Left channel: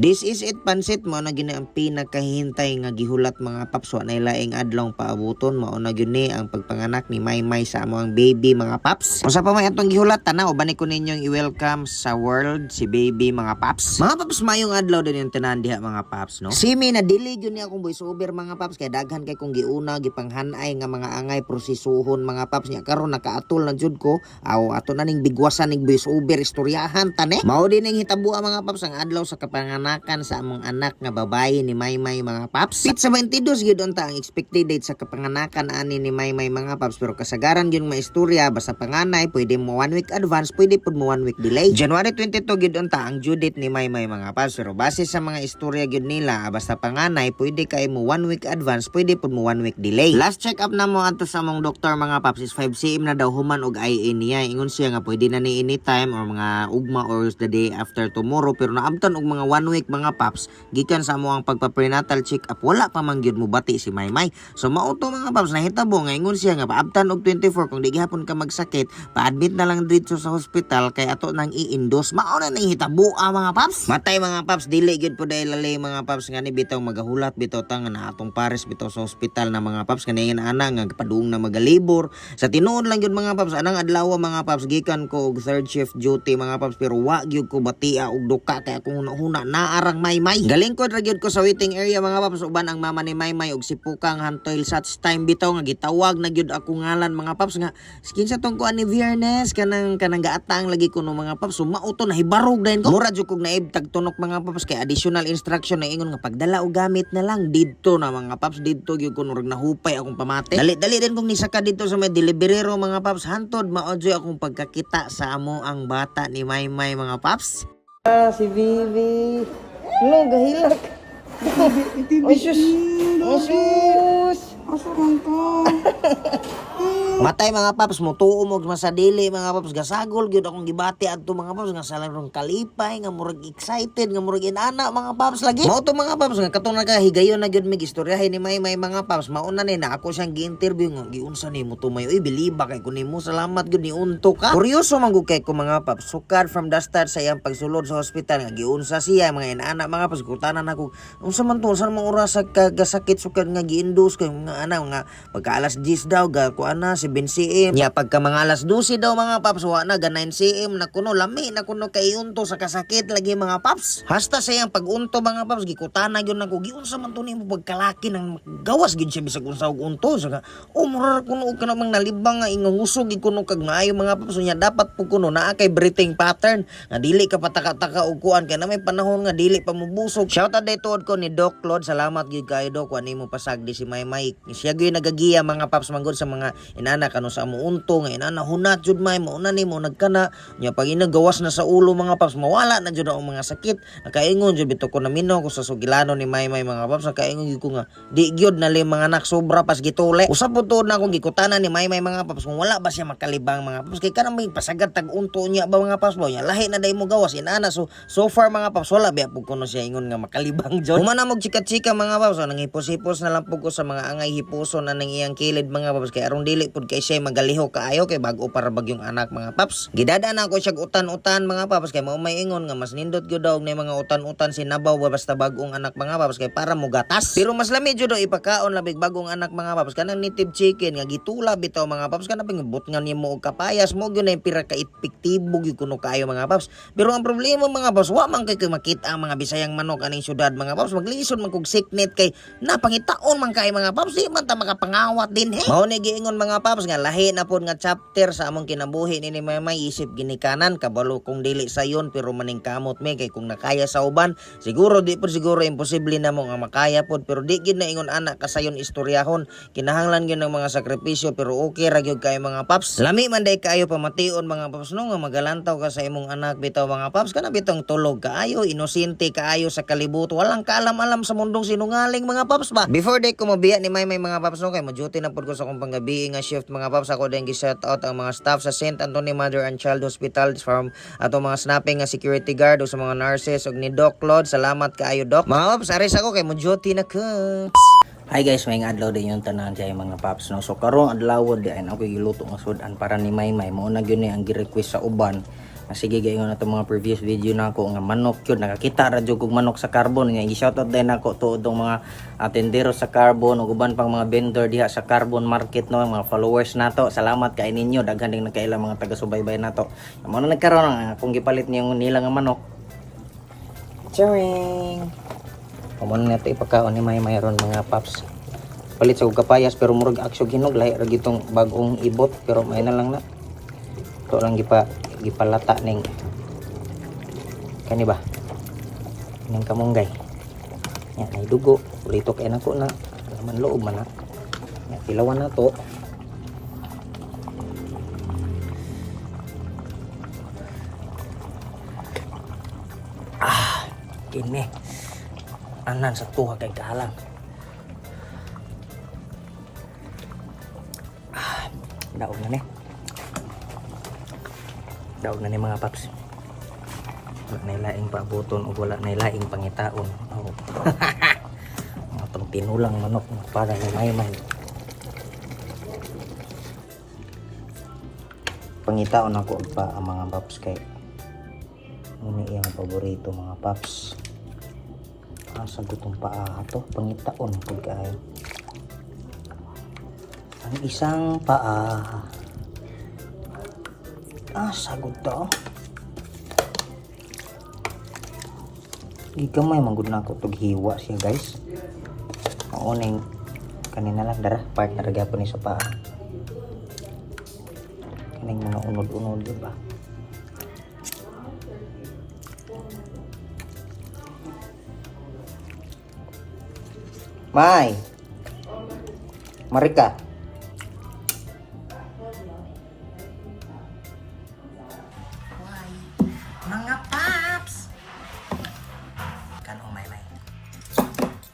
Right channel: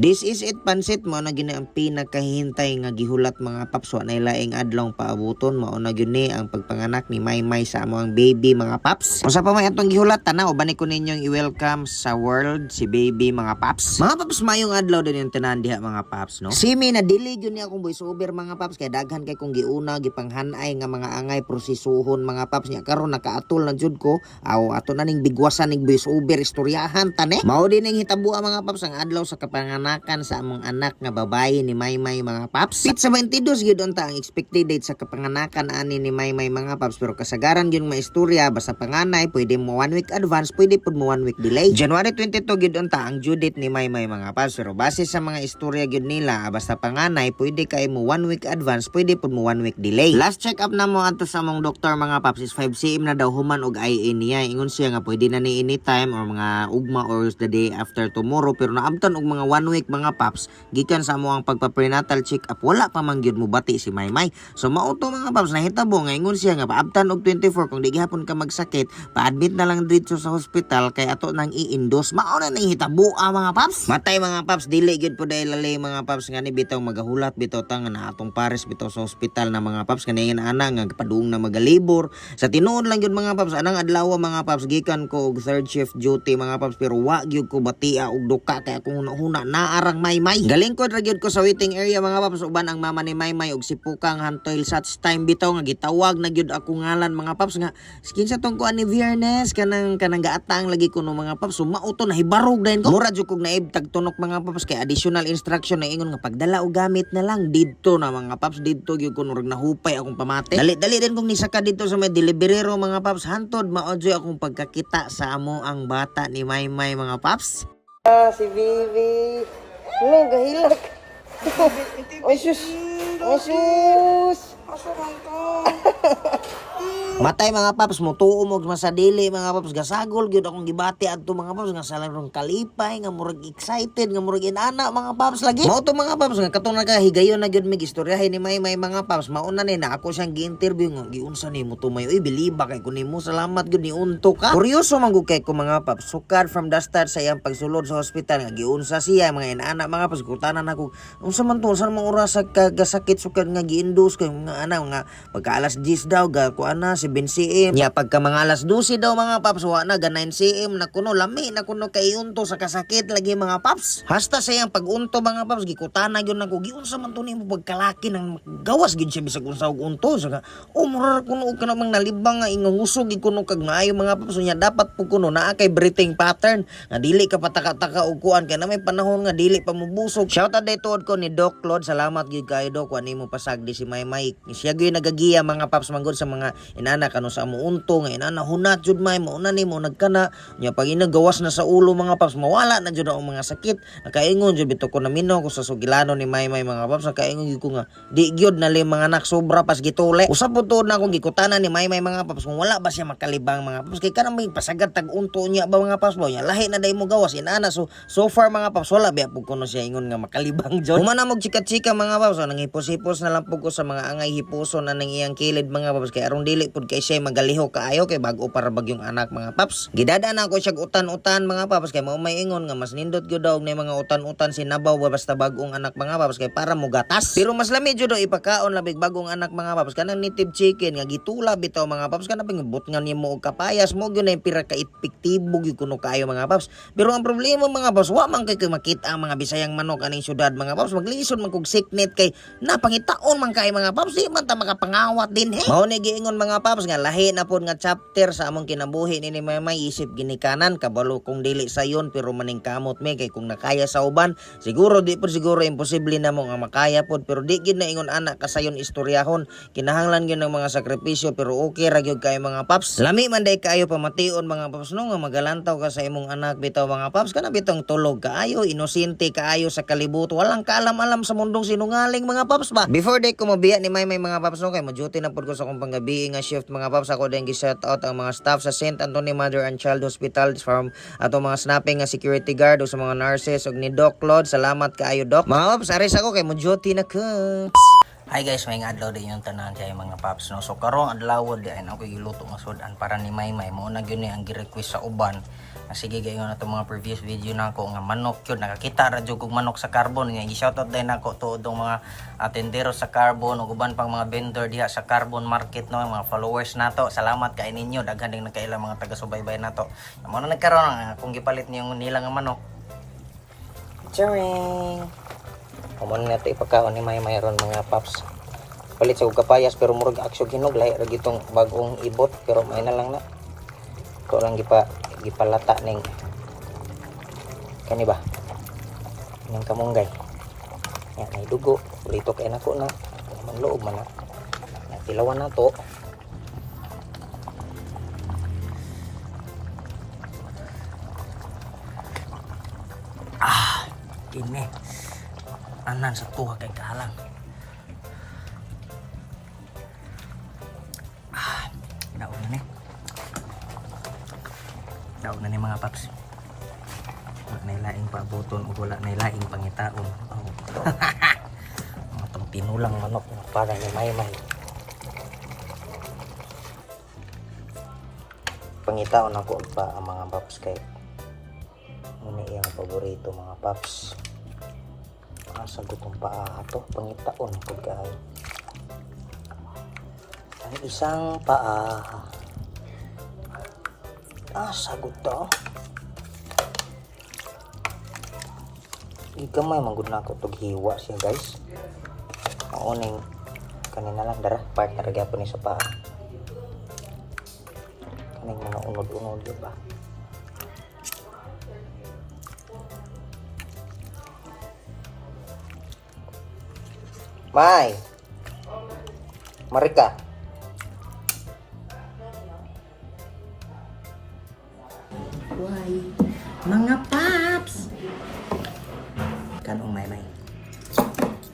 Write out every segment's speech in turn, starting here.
This is it pansit mo na gini ang pinakahintay nga gihulat mga paps wa laing adlaw paabuton mao na gyud ni ang pagpanganak ni Maymay sa among baby mga paps. Usa pa may atong gihulat tanaw bani ko ninyong i-welcome sa world si baby mga paps. Mga paps mayong adlaw din yung tanan diha mga paps no. Simi na dili gyud ni akong voice over mga paps kay daghan kay kong giuna gipanghanay nga mga angay prosesuhon mga paps nya karon nakaatol na jud ko aw ato na ning bigwasan ning voice over istoryahan tane. Mao din ang hitabo mga paps ang adlaw sa kapanganakan sa among anak nga babae ni Maymay mga paps. Pit sa 22 gyud unta ang expected date sa kapanganakan ani ni Maymay mga paps pero kasagaran gyud maistorya basta panganay pwede mo one week advance pwede pud mo one week delay. January 22 gyud unta ang due date ni Maymay mga paps pero base sa mga istorya gyud nila basta panganay pwede kay mo one week advance pwede pud mo one week delay. Last check up na mo ato sa among doktor mga paps is 5 cm na daw human og IE niya ingon siya nga pwede na ni anytime or mga ugma or the day after tomorrow pero naabtan og mga one week mga paps gikan sa mo ang pagpa-prenatal check up wala pa man gyud mo bati si Maymay. So mao to mga paps nahitabo nga ingon siya nga paabtan og 24 kung di gihapon ka magsakit pa-admit na lang dito sa hospital kay ato nang i-endorse. Mao na nang hitabo ah, mga paps. Matay mga paps dili gyud po dahil lalay mga paps nga ni bitaw magahulat bitaw tang na atong pares bitaw sa hospital na mga paps nga ana nga paduong na magalibor. Sa tinuod lang gyud mga paps anang adlaw mga paps gikan ko og third shift duty mga paps pero wa gyud ko batia og duka kay akong huna naarang maymay. Galing ko ra gyud ko sa waiting area mga paps. Uban ang mama ni maymay og sipukang hantoil such time bitaw nga gitawag na gyud ako ngalan mga paps nga skin sa tong kuan ni Viernes kanang kanang gaatang lagi ko no mga paps. Sumauto na hibarog dayon ko. Mura jud kog naib tagtunok mga paps kay additional instruction na ingon nga pagdala og gamit na lang. Didto na mga paps didto gyud ko nurag nahupay akong pamate. Dali dali din kong nisaka dito sa may deliverero mga paps. Hantod maodyo akong pagkakita sa amo ang bata ni Maymay mga paps Ah, si Bibi. Hello, gahilak. Iti vicious. Asa man to? Matay mga paps mo tuo mo sa dili mga paps. Gasagol gyud akong gibati adto mga paps nga salang kalipay nga murag excited nga murag inana mga paps lagi. Mao to mga paps nga katong nagahigayon na gyud mig istoryahin ni may may mga paps. Mauna ni na ako siyang gi-interview nga giunsa nimo tumayo uy biliba kay kun nimo salamat gyud ni unto ka. Kuryoso man gud kay ko mga paps. Sukad from the start sa iyang pagsulod sa hospital nga giunsa siya mga inana mga paps. Kutanan ako unsa man to unsa man oras sa kagasakit sukad nga gi-induce kay mga ana nga pagka alas 10 daw ga ko ana 7 cm nya pagka mga alas 12 daw mga paps wa na ga 9 cm na kuno lami na kuno kay unto sa kasakit lagi mga paps. Hasta sa iyang pag-unto mga paps gikutana gyud nako giunsa man to nimo pagkalaki nang gawas gid siya bisag unsa og unto. Sa o mura kuno og kanang nalibang nga ingon usog gid kuno kag maayo mga paps. Nya dapat po kuno naa kay breathing pattern. Nga dili ka pataka-taka og kuan kay na may panahon nga dili pa mubusog shout out day tuod ko ni Doc Claude. Salamat gyud kayo Doc. Kuan nimo pasagdi si Maymay siya gyud nagagiya mga paps manggod sa mga inana kano sa amo unto inana hunat jud may mo na nimo nagkana nya pag inagawas na sa ulo mga paps mawala na jud ang mga sakit. Nakaingon jud bito ko na minaw ko sa sugilano ni Maymay mga paps nakaingon gyud ko nga di gyud na li mga anak sobra pas gitule. Usap po na akong gikutana ni Maymay mga paps kung wala ba siya makalibang mga paps. Kay kanang may pasagad tag unto niya ba mga paps ba nya lahi na day mo gawas. Inana so so far mga paps wala biya pug kuno siya ingon nga makalibang jud humana mo chika-chika mga paps. So, nangipos-hipos na lang pug ko sa mga angay hipuso na nang iyang kilid mga paps. Kay aron dili pud kay siya magaliho kaayo kay bag-o para bagyong anak mga paps. Gidada na ako siya utan-utan mga paps kay mao may ingon nga mas nindot gyud daw ni mga utan-utan sinabaw basta bagong anak mga paps kay para mo gatas. Pero mas lami jud ipakaon labig bagong anak mga paps kanang native chicken nga gitula bitaw mga paps kanang pingabot nga nimo og kapayas mo gyud na pira ka epektibo gyud kuno kayo mga paps. Pero ang problema mga paps wa man kay makita ang mga bisayang manok aning syudad mga paps maglisod man kog sicknet kay napangitaon man kay mga paps di man ta makapangawat din he. Mao ni giingon mga paps nga lahi na pod nga chapter sa among kinabuhi. Ni ni Maymay isip ginikanan kabalo kung dili sayon pero maning kamot me kay kung nakaya sa uban siguro di pod siguro imposible na mo nga makaya pod pero di gid na ingon anak kasayon istoryahon. Kinahanglan gyud ng mga sakripisyo pero okay ra gyud kay mga paps. Lami man day kayo pamation mga paps no nga magalantaw ka sa imong anak bitaw mga paps. Kana bitong tulog kaayo inosente kaayo sa kalibuto walang kaalam-alam sa mundong sinungaling mga paps ba? Before day ko mabiya ni may may mga paps no kay mo-duty na pod ko sa akong panggabi nga shift mga paps ako din gi-shout out ang mga staff sa St. Anthony Mother and Child Hospital from ato mga snapping nga security guard o sa mga nurses ug ni Doc Claude salamat kaayo Doc mga paps aris ako kay mo-duty na ko Hi guys, may adlaw din yung tanan dyan mga paps no. So karong adlaw di ay ako giluto nga sudan para ni Maymay mo na gyud ni ang gi-request sa uban. Nga sige gayon na mga previous video nako nga manok yun nakakita ra jud kog manok sa carbon nga i-shoutout din nako tuod mga atendero sa carbon ug uban pang mga vendor diha sa carbon market no mga followers nato. Salamat kay ninyo daghan ding nakaila mga taga-subaybay nato. Mo na nagkaroon nga kung gipalit niyo yung nila nga manok. Charing! Kumun na ito ipagkaon ni May mayroon mga paps. Palit sa kapayas pero murag aksyo ginog lahi ra gitong bagong ibot pero may na lang na. Ito lang gipa gipalata ning kani ba? Ning kamunggay. Yan ay dugo. Rito kay na. Man loob man. Tilawan na to. Ah, kini anan sa tuha kay kahalang ah daog na ni daog na ni mga paps wala na laing paabuton o wala na laing pangitaon oh. mga tong tinulang manok para na mayon pangitaon ako pa ang mga paps kay ini yung paborito mga paps Asa ba itong paa ito? Pangitaon. Ang isang paa. Asa ba ito? Hindi ka may manggod na ako paghiwa siya guys. Ang unang kanina lang dara. Partner gaya ko ni sa paa. Kanina mga unod-unod diba? May. Marika. Why? Mga paps. Kanong may may.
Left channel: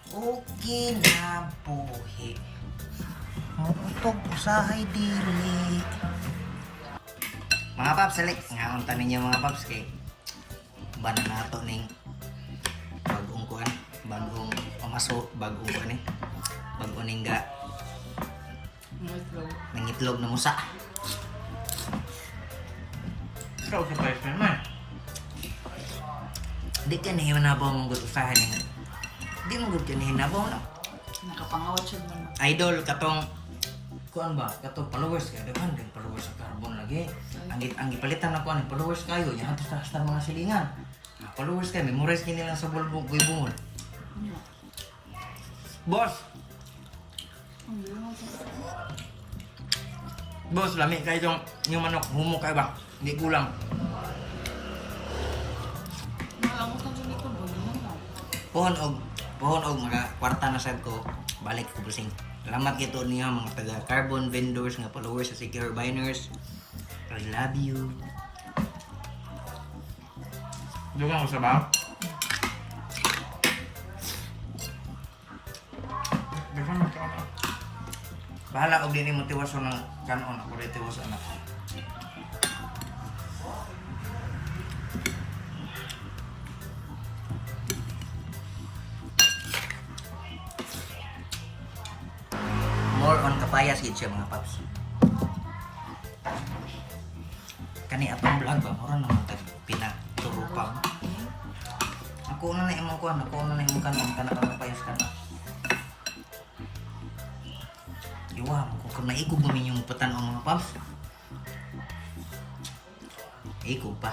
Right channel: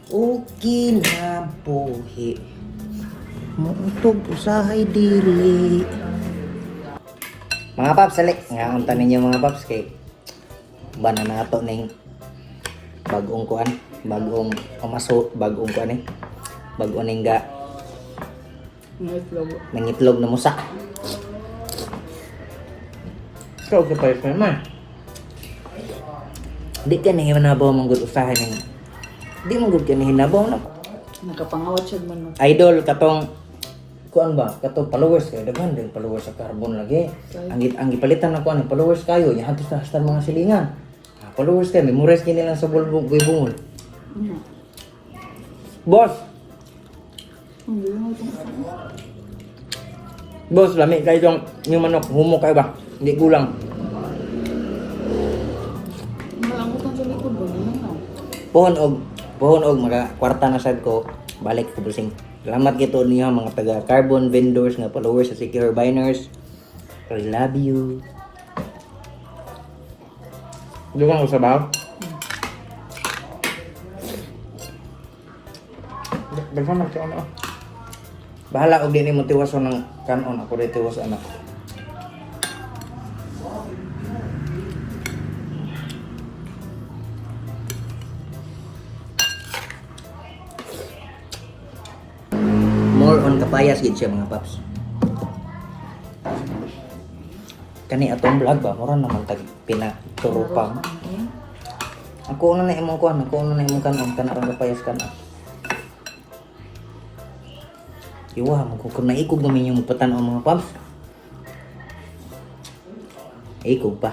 Okay na buhi. Muntog usahay dili. Mga paps, sali. Nga ang tanin niyo mga paps kay bana na ato ning bagong kuan bagong umaso bagong kuan eh bagong ning ga Itlog. mangitlog na musa Ikaw ka pa ito naman. di ka na hinabaw mong gud usahan ning di mo gud ka na hinabaw na. Nakapangawat siya man. idol katong kuan ba? Katong followers kay daghan din followers sa carbon lagi. Ang gi- ang gipalitan na kuan followers kayo? Nya hantos na sa mga silingan. Ah, followers kay memorize kini lang sa bulbog bubungon Ano? boss! Mo. Boss lami kay tong yung manok humo kay ba? Hindi kulang. Pohon og pohon og mga kwarta na sad ko balik ko busing salamat kito niya mga taga carbon vendors nga followers sa Secure Biners. I love you. Di ba? Ang sabaw? Bahala man ka ano. Bahala og di ni mo tiwason ng kanon ako dito tiwas anak. More on kapayas gid siya mga paps. Kani atong vlog ba mura naman tag pinaturupang. Okay. Ako na na imong kuan, ako na na imong kanon kana ang kapayas kana. Iwa mo ko kung naikog mo yung patan ang mga paps. Ikog pa.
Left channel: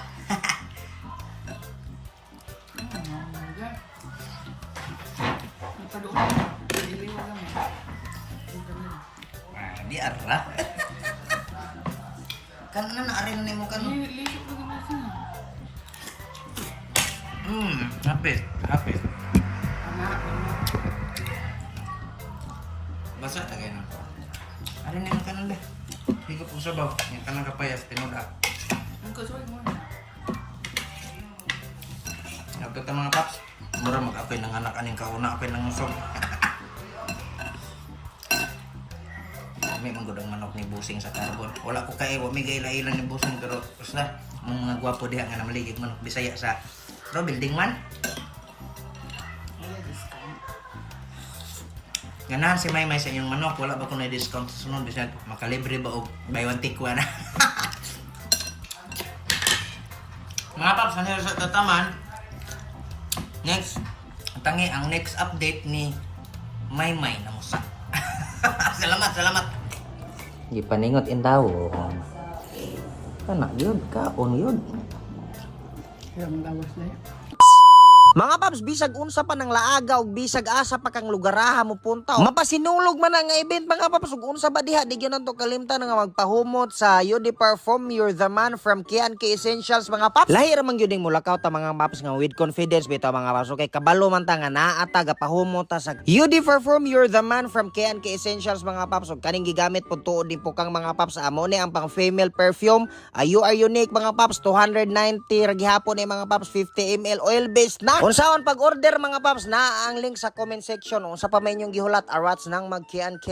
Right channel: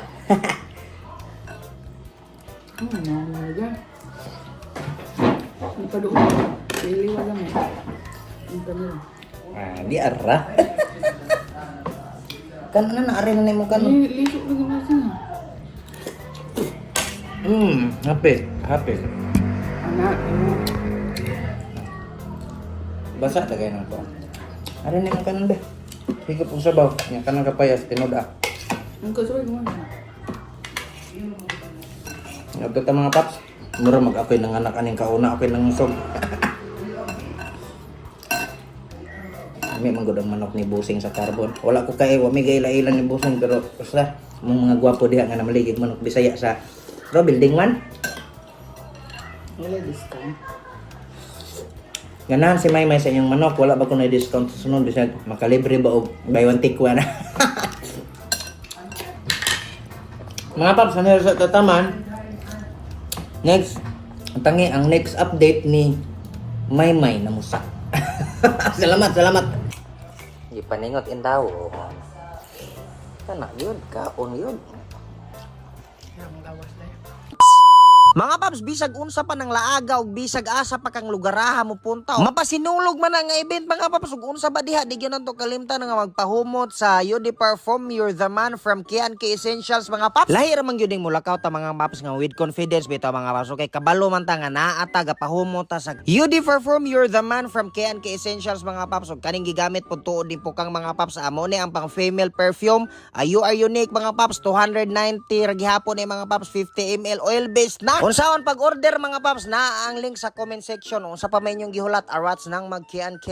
Ano na? Ano na dyan? May padoon. Iliwa lang eh. Ang padoon. Ah, di ara. kan na na are na imong kanon. Ay, lisok na natin ah. Hmm, hapit, hapit. Anak, ano? Basa tagay na to. Ano ni ang kanon be? Sige po sabaw. Yang kanang kapayas tinud ah. Ang kasunod mo. Nagkata mga paps. Mura mag-apil ng anak aning kauna apil ng usog. May mga gudang manok ni busing sa carbon. Wala ko kay wa may gaila-ilan ni busing pero basta mga gwapo diha nga namaligid manok Bisaya sa Ro building man. Wala time. Ganahan si Maymay sa inyong manok, wala ba ko na discount sa sunod, bisag makalibre ba og buy one take one. Mga paps, ano sa tataman? Next, ang tangi, ang next update ni Maymay na musa. salamat, salamat. Gipaningot in tao. Anak yun, kaon yun. Kaya ang lawas na yan. Mga paps, bisag unsa pa ng laaga ug bisag asa pa kang lugaraha mo punta. Mapasinulog man ang event mga paps ug unsa ba diha di gyud to kalimtan nga magpahumot sa You Di Perform You're the Man from Kian K Essentials mga paps. Lahi ra man gyud ning mulakaw ta mga paps nga with confidence bitaw mga paps. Okay, kabalo man ta nga naa ta gapahumot ta sa You Di Perform You're the Man from Kian K Essentials mga paps ug kaning gigamit pud tuod din po kang mga paps amo ni ang pang female perfume. Ah, you are unique mga paps 290 ra gihapon ni mga paps 50 ml oil based na. Unsaon pag order mga paps na ang link sa comment section unsa pa may inyong gihulat arats nang mag Kian K.